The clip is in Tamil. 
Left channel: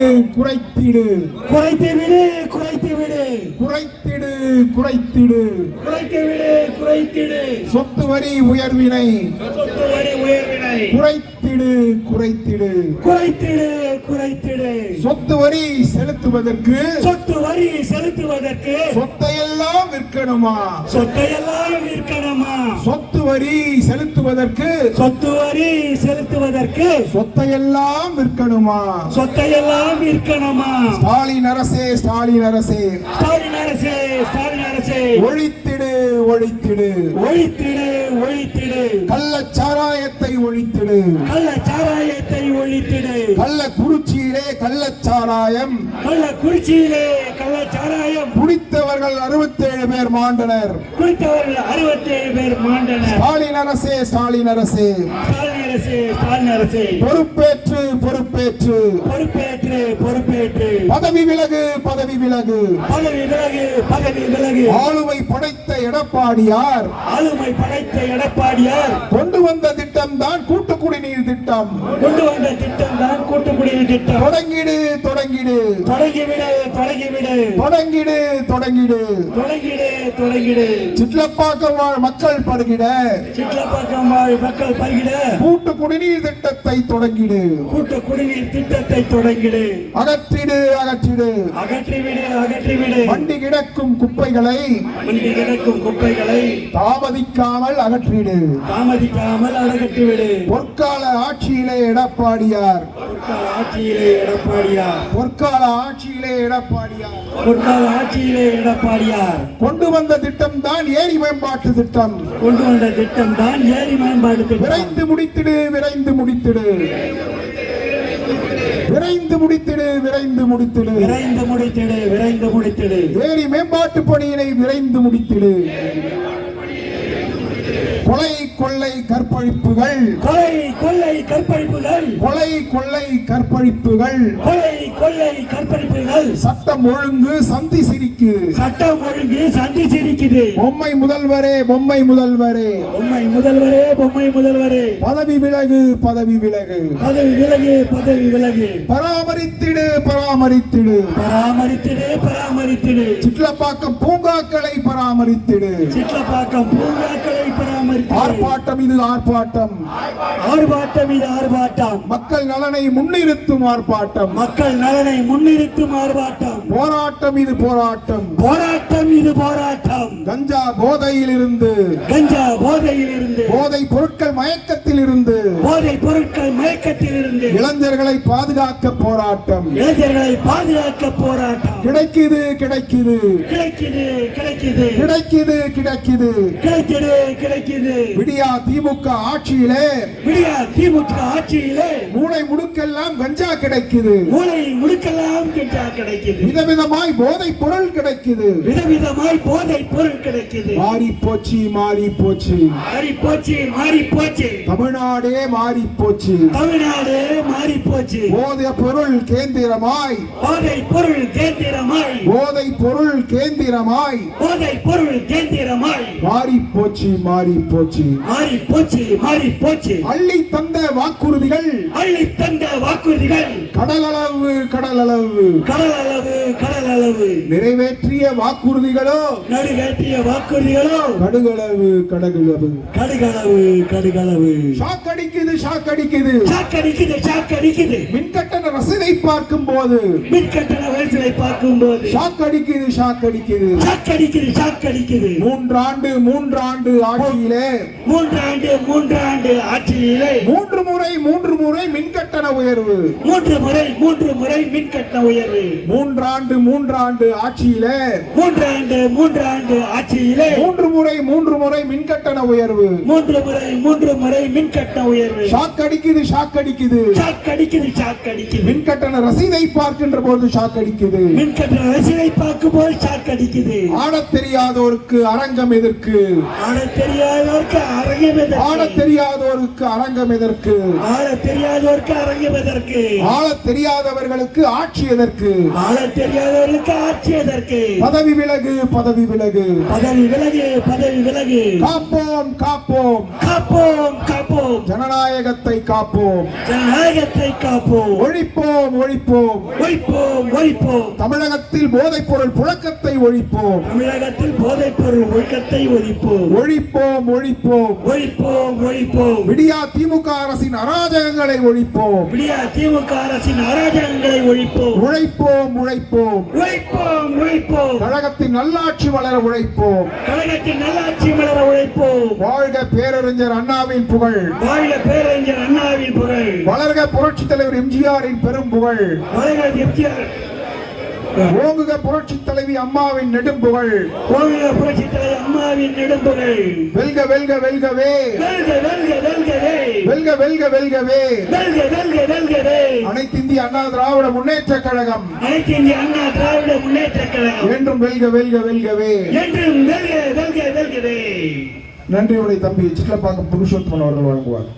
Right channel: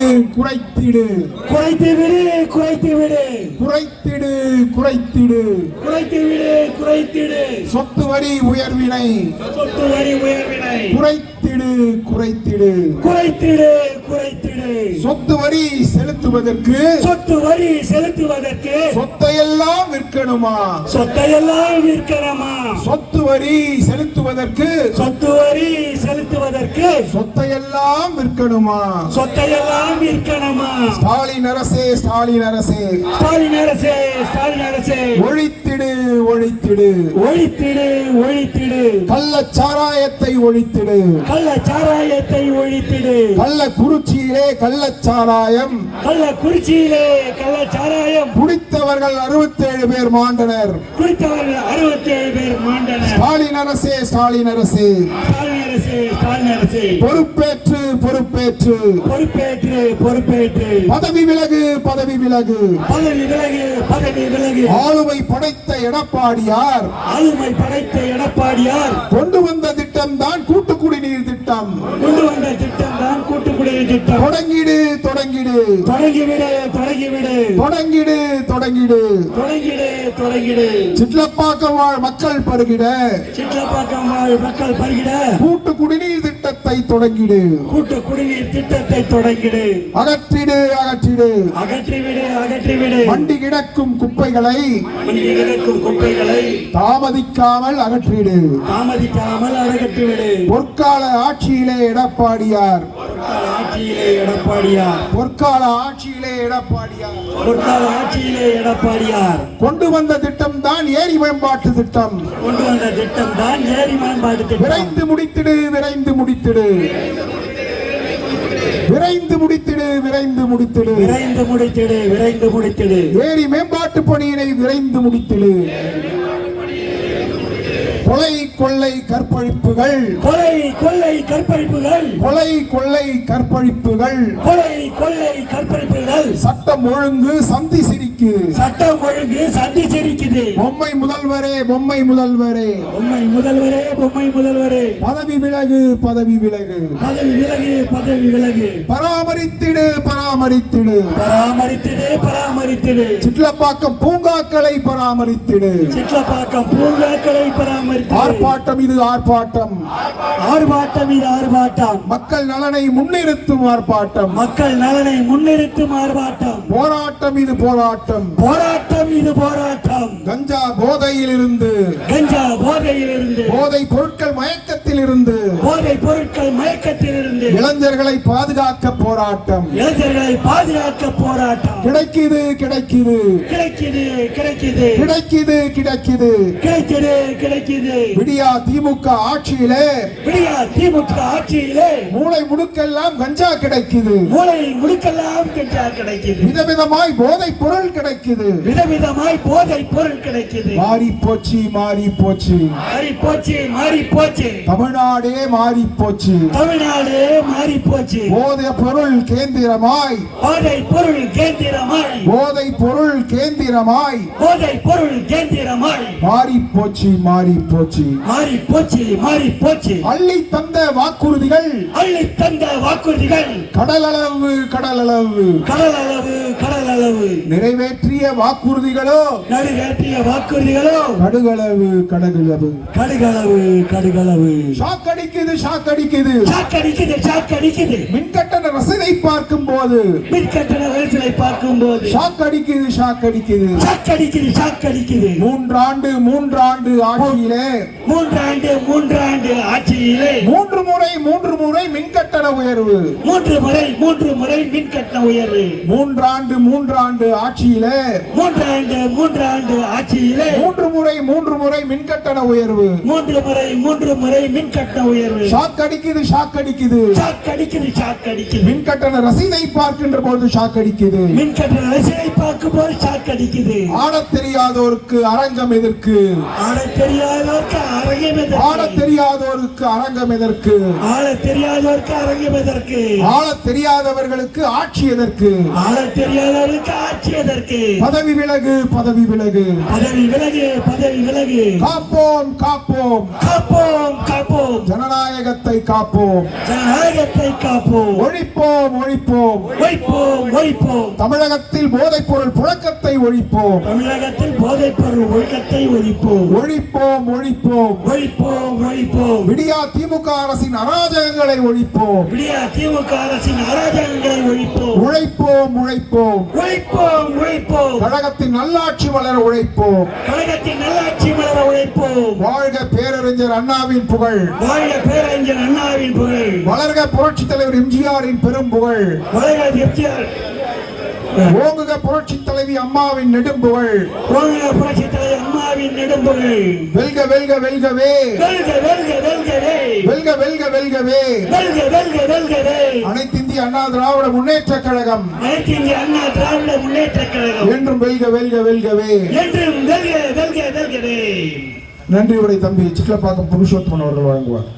குறைத்திடு குறைத்துவிடு குறைத்துவிடு குறைத்திடு குறைத்திடு குறைத்துவிடு குறைத்திடு சொத்து வரி உயர்வினை சொத்து வரி உயர்வினை குறைத்திடு குறைத்திடு குறைத்திடு குறைத்திடு சொத்து வரி செலுத்துவதற்கு சொத்து வரி செலுத்துவதற்கு சொத்தையெல்லாம் விற்கணுமா சொத்தையெல்லாம் விற்கணுமா சொத்து வரி செலுத்துவதற்கு சொத்து வரி செலுத்துவதற்கு சொத்தையெல்லாம் விற்கணுமா சொத்தையெல்லாம் விற்கணுமா ஸ்டாலின் அரசே ஸ்டாலின் அரசே ஸ்டாலின் அரசே ஸ்டாலின் அரசே ஒழித்திடு ஒழித்திடு ஒழித்திடு ஒழித்திடு கள்ளச்சாராயத்தை ஒழித்திடு கள்ளச்சாராயத்தை ஒழித்திடு கள்ளக்குறிச்சியிலே கள்ளச்சாராயம் கள்ளக்குறிச்சியிலே கள்ளச்சாராயம் குடித்தவர்கள் 67 பேர் மாண்டனர் குடித்தவர்கள் 67 பேர் மாண்டனர் ஸ்டாலின் அரசே ஸ்டாலின் அரசே ஸ்டாலின் அரசே ஸ்டாலின் அரசே பொறுப்பேற்று பொறுப்பேற்று பொறுப்பேற்று பொறுப்பேற்று பதவி விலகு பதவி விலகு பதவி விலகு பதவி விலகு ஆளுமை படைத்த எடப்பாடியார் ஆளுமை படைத்த எடப்பாடியார் கொண்டு வந்த திட்டம் தான் கூட்டு குடிநீர் திட்டம் கொண்டு வந்த திட்டம் தான் கூட்டு குடிநீர் திட்டம் தொடங்கிடு தொடங்கிடு தொடங்கிவிடு தொடங்கிவிடு தொடங்கிடு தொடங்கிடு தொடங்கிடு தொடங்கிடு சிட்லப்பாக்கம் வாழ் மக்கள் பருகிட சிட்லப்பாக்கம் வாழ் மக்கள் பருகிட கூட்டு குடிநீர் திட்டத்தை தொடங்கிடு கூட்டு குடிநீர் திட்டத்தை தொடங்கிடு அகற்றிடு அகற்றிடு அகற்றிவிடு அகற்றிவிடு வண்டி கிடக்கும் குப்பைகளை இங்கே கிடக்கும் குப்பைகளை தாமதிக்காமல் அகற்றிடு தாமதிக்காமல் அகற்றிவிடு பொற்கால ஆட்சியிலே எடப்பாடியார் ஆட்சியிலே எடப்பாடியார் பொற்கால ஆட்சியிலே எடப்பாடியார் பொற்கால ஆட்சியிலே எடப்பாடியார் கொண்டு வந்த திட்டம் தான் ஏரி மேம்பாட்டு திட்டம் கொண்டு வந்த திட்டம் தான் ஏரி மேம்பாட்டு திட்டம் விரைந்து முடித்திடு விரைந்து முடித்திடு விரைந்து முடித்திடு விரைந்து முடித்திடு விரைந்து முடித்திடு விரைந்து முடித்திடு ஏரி மேம்பாட்டு பணியினை விரைந்து முடித்திடு கொலை கொள்ளை கற்பழிப்புகள் கொலை கொள்ளை கற்பழிப்புகள் கொலை கொள்ளை கற்பழிப்புகள் கொலை கொள்ளை கற்பழிப்புகள் சட்டம் ஒழுங்கு சந்தி சிரிக்கு சட்டம் ஒழுங்கு சந்தி சிரிக்குது பொம்மை முதல்வரே பொம்மை முதல்வரே பொம்மை முதல்வரே பொம்மை முதல்வரே பதவி விலகு பதவி விலகு பதவி விலகு பதவி விலகு பராமரித்திடு பராமரித்திடு பராமரித்திடு பராமரித்திடு சிட்லப்பாக்கம் பூங்காக்களை பராமரித்திடு சிட்லப்பாக்கம் பூங்காக்களை பராமரித்திடு ஆர்ப்பாட்டம் இது ஆர்ப்பாட்டம் ஆர்ப்பாட்டம் இது ஆர்ப்பாட்டம் மக்கள் நலனை முன்னிறுத்தும் ஆர்ப்பாட்டம் மக்கள் நலனை முன்னிறுத்தும் ஆர்ப்பாட்டம் போராட்டம் இது போராட்டம் போராட்டம் இது போராட்டம் கஞ்சா போதையில் இருந்து கஞ்சா போதையில் இருந்து போதை பொருட்கள் மயக்கத்தில் இருந்து போதை பொருட்கள் மயக்கத்தில் இருந்து இளைஞர்களை பாதுகாக்க போராட்டம் இளைஞர்களை பாதுகாக்க போராட்டம் கிடைக்குது கிடைக்குது கிடைக்குது கிடைக்குது கிடைக்குது கிடைக்குது கிடைக்குது கிடைக்குது விடியா திமுக ஆட்சியிலே விடியா திமுக ஆட்சியிலே மூளை முடுக்கெல்லாம் கஞ்சா கிடைக்குது மூளை முடுக்கெல்லாம் கஞ்சா கிடைக்குது விதவிதமாய் போதை பொருள் கிடைக்குது விதவிதமாய் போதை பொருள் கிடைக்குது மாறி போச்சு மாறி போச்சு மாறி போச்சு மாறி போச்சு தமிழ்நாடே மாறி போச்சு தமிழ்நாடு மாறி போச்சு போதை பொருள் கேந்திரமாய் போதை பொருள் கேந்திரமாய் போதை பொருள் கேந்திரமாய் போதை பொருள் கேந்திரமாய் மாறி போச்சு மாறி போச்சு மாறி போச்சு மாறி போச்சு அள்ளி தந்த வாக்குறுதிகள் அள்ளி தந்த வாக்குறுதிகள் கடலளவு கடலளவு கடலளவு கடலளவு நிறைவேற்றிய வாக்குறுதிகளோ நடுவேற்றிய வாக்குறுதிகளோ கடுகளவு கடகுளவு கடுகளவு கடுகளவு ஷாக் அடிக்குது ஷாக் அடிக்குது சாக்கடிக்குது சாக்கடிக்குது மின்கட்டண ரசீதை பார்க்கும் போது மின்கட்டண ரசீதை பார்க்கும் போது ஷாக் அடிக்குது ஷாக் அடிக்குது சாக்கடிக்குது சாக்கடிக்குது மூன்றாண்டு ஆட்சியிலே மூன்றாண்டு ஆட்சியிலே மூன்று முறை மின்கட்டண உயர்வு மூன்று முறை மின்கட்டண உயர்வு மூன்றாண்டு ஆட்சியிலே மூன்றாண்டு ஆட்சியிலே மூன்று முறை மின்கட்டண உயர்வு மூன்று முறை மின்கட்டண உயர்வு ஷாக் அடிக்குது ஷாக் அடிக்குது சாக்கடிக்குது சாக்கடிக்குது மின்கட்டண ரசீதை பார்க்கின்ற போது ஷாக் அடிக்குது மின்கட்டண ரசீதை பார்க்கும் போது சாக்கடிக்குது ஆடத் தெரியாதோருக்கு அரங்கம் எதற்கு ஆடத் தெரியாதோருக்கு அரங்கம் எதற்கு ஆடத் தெரியாதோருக்கு அரங்கம் எதற்கு ஆளத் தெரியாதோருக்கு அரங்கம் எதற்கு ஆளத் தெரியாதவர்களுக்கு ஆட்சி எதற்கு ஆளத் தெரியாதவர்களுக்கு ஆட்சி எதற்கு பதவி விலகு பதவி விலகு பதவி விலகு பதவி விலகு காப்போம் காப்போம் காப்போம் காப்போம் காப்போம் ஜனநாயகத்தை காப்போம் ஜனநாயகத்தை காப்போம் ஒழிப்போம் ஒழிப்போம் ஒழிப்போம் ஒழிப்போம் தமிழகத்தில் போதைப் பொருள் புழக்கத்தை ஒழிப்போம் தமிழகத்தில் போதைப் பொருள் ஒழுக்கத்தை ஒழிப்போம் ஒழிப்போம் ஒழிப்போம் ஒழிப்போம் ஒழிப்போம் விடியா திமுக அரசின் அராஜகங்களை ஒழிப்போம் விடியா திமுக அரசின் அராஜகங்களை ஒழிப்போம் உழைப்போம் உழைப்போம் உழைப்போம் உழைப்போம் கழகத்தின் நல்லாட்சி வளர உழைப்போம் கழகத்தின் நல்லாட்சி மலர உழைப்போம் வாழ்க பேரறிஞர் அண்ணாவின் புகழ் வாழ்க பேரறிஞர் அண்ணாவின் புகழ் வளர்க புரட்சித் தலைவர் எம்ஜிஆரின் பெரும் புகழ் வளர்க எம்ஜிஆர் ஓங்குக புரட்சித் தலைவி அம்மாவின் நெடும் புகழ் வாழ்க புரட்சித் தலைவர் அம்மாவின் நெடும்புகழ் வெல்க வெல்க வெல்கவே வெல்க வெல்க வெல்கவே வெல்க வெல்க வெல்கவே வெல்க வெல்க வெல்கவே அனைத்து இந்திய அண்ணா திராவிட முன்னேற்ற கழகம் அனைத்து இந்திய அண்ணா திராவிட முன்னேற்ற கழகம் என்றும் வெல்க வெல்க வெல்கவே என்றும் வெல்க வெல்க வெல்கவே. நன்றி உரை தம்பி சிட்லப்பாக்கம் புருஷோத்தமன் அவர்கள் வழங்குவார்.